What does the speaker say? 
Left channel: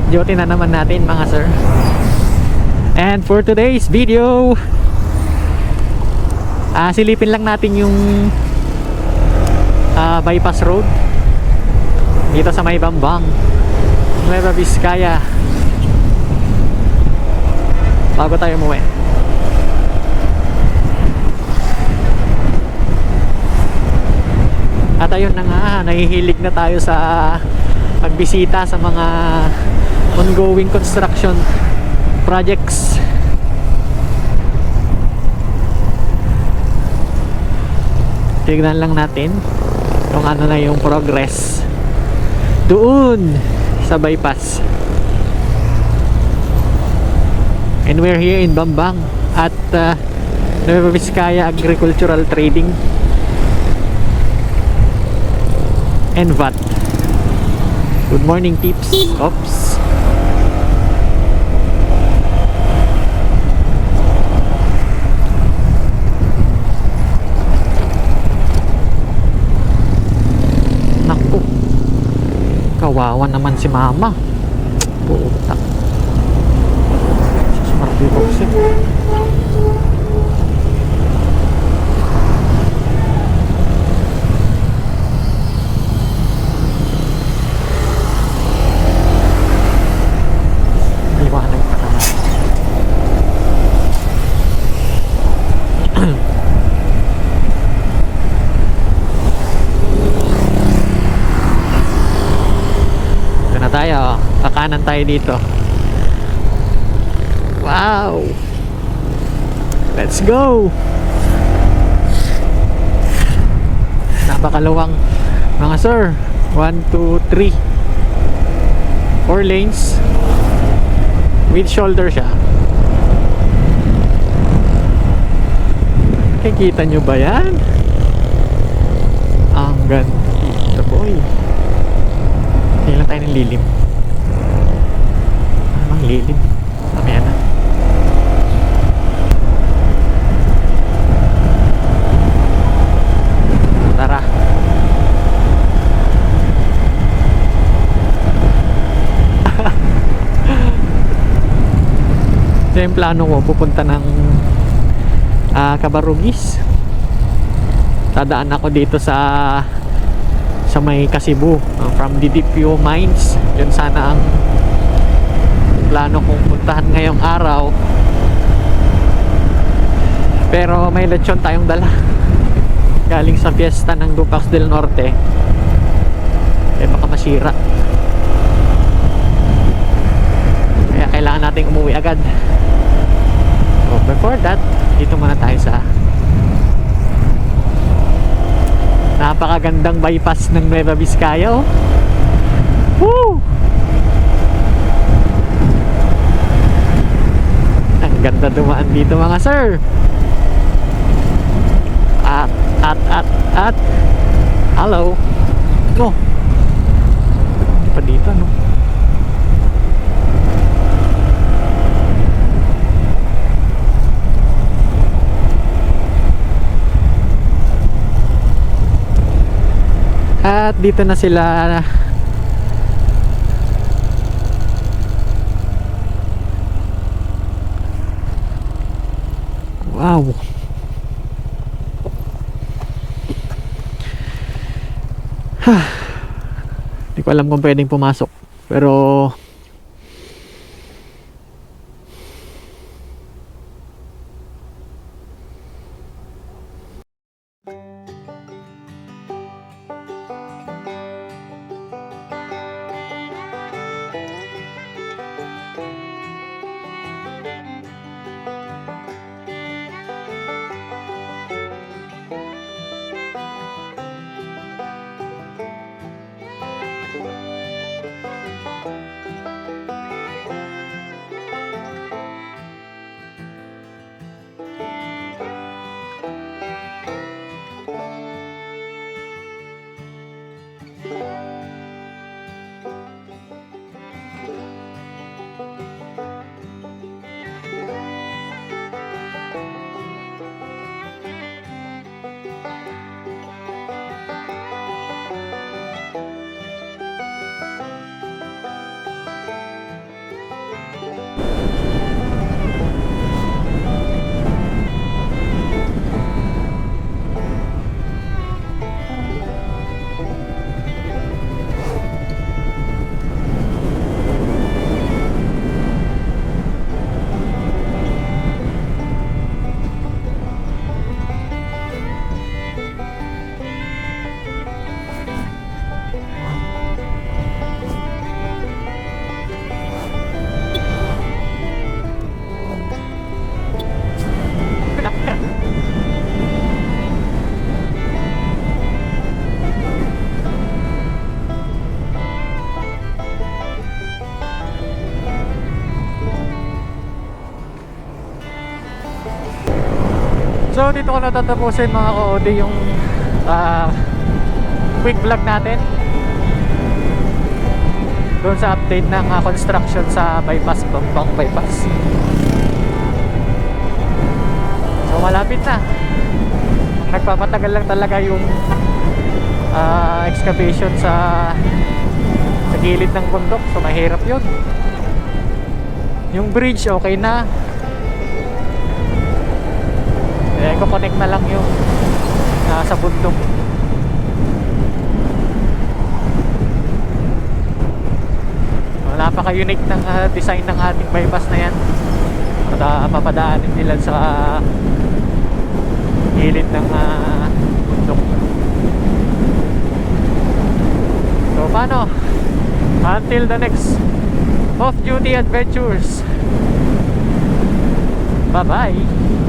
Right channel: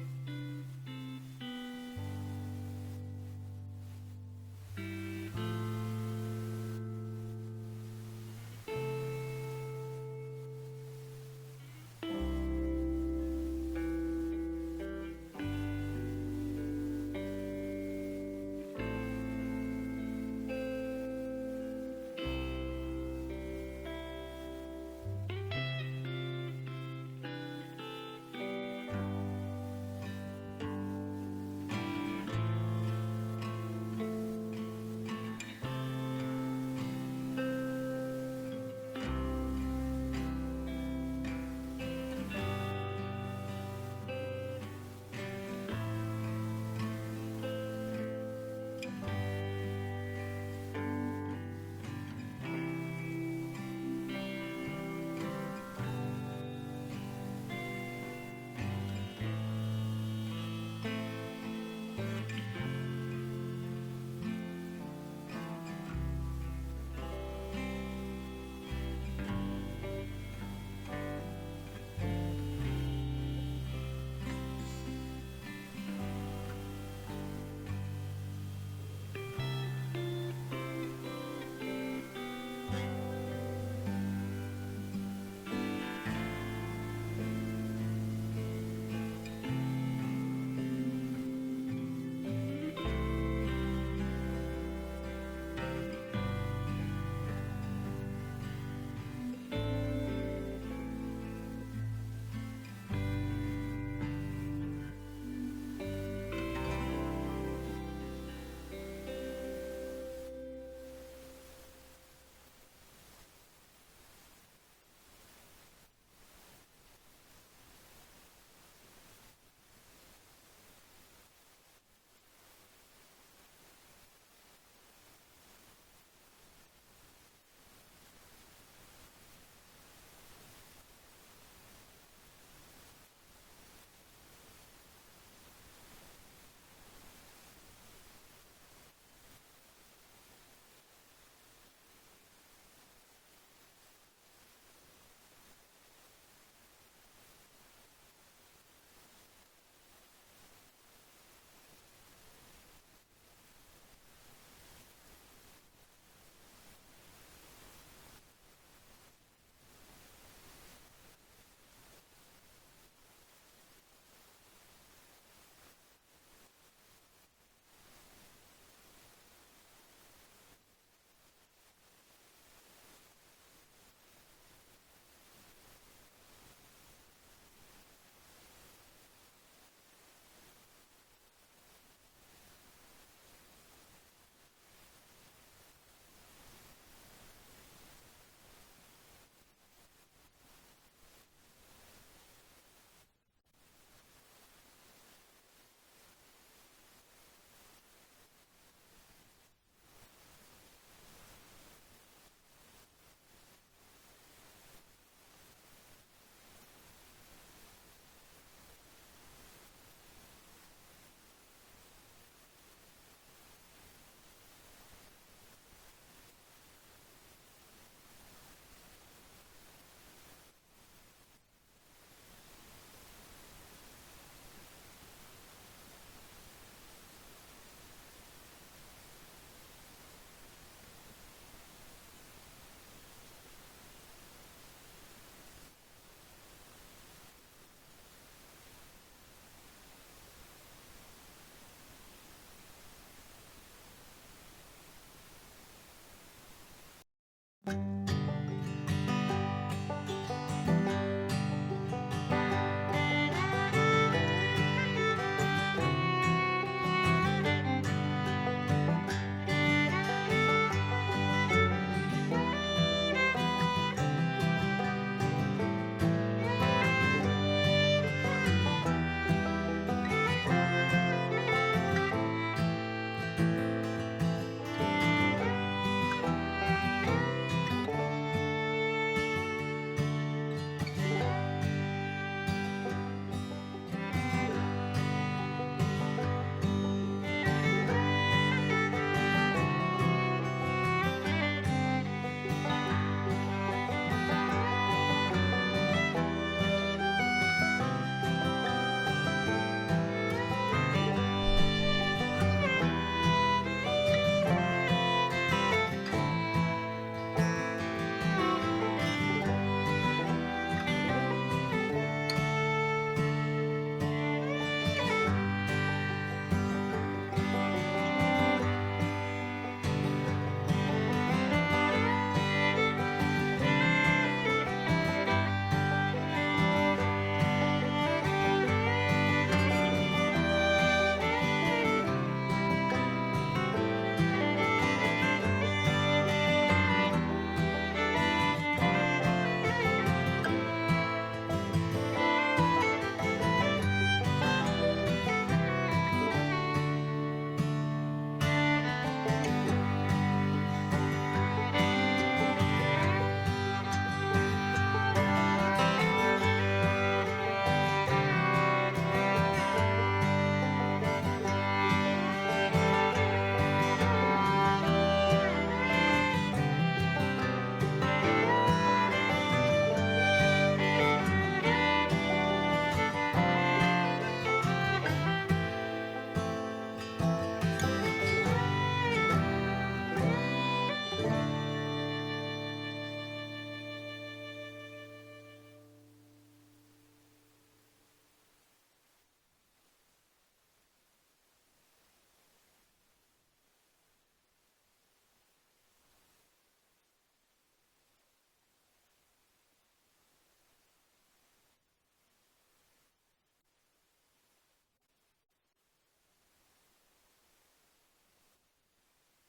Off duty na naman natin mga sir. And for today's video, ah silipin lang natin yung ah, bypass road dito sa may Bambang, Nueva Vizcaya. Bago tayo umuwi. At ayun na nga, nahihilig na tayo sa pagbisita sa mga ongoing construction projects. Tignan lang natin kung ano na yung progress doon sa bypass. And we're here in Bambang at uh, Nueva Vizcaya Agricultural Trading and VAT. Good morning peeps. Oops. Kawawa naman si mama. Puta. Smart box eh. Liwanag pa naman. Ito na tayo. Kakanan tayo dito. Wow! Let's go! Napakaluwang mga sir. 1, 2, 3 4 lanes with shoulder siya. Kikita nyo ba yan? Ang ganda boy. Tingnan tayo ng lilim. Anong lilim? Mamaya na. Tara. Ito yung plano ko, pupunta ng ah, Cabarugis. Tadaan ako dito sa sa may Kasibu uh, from DDPO Mines. Yun sana ang plano kong puntahan ngayong araw. Pero may lechon tayong dala. Galing sa fiesta ng Dupax del Norte. Eh baka masira. Kaya kailangan nating umuwi agad. So before that, dito muna tayo sa napakagandang bypass ng Nueva Vizcaya oh. Woo! Ang ganda dumaan dito mga sir. At, at, at, at. Hello. No. Hindi pa dito, no? At dito na sila Wow. Hindi ko alam kung pwedeng pumasok. Pero So dito ko natatapusin mga ka-OD yung ah, quick vlog natin doon sa update ng ah, construction sa bypass, Bambang bypass. So malapit na. Nagpapatagal lang talaga yung ah, excavation sa sa gilid ng bundok. So mahirap yun. Yung bridge okay na. Eh, connect na lang yung nasa bundok. Wala pa ka-unique ng ah, design ng ating bypass na yan. At ah, papadaanin nila sa gilid ng ah, bundok. So paano? Until the next off-duty adventures. Bye-bye.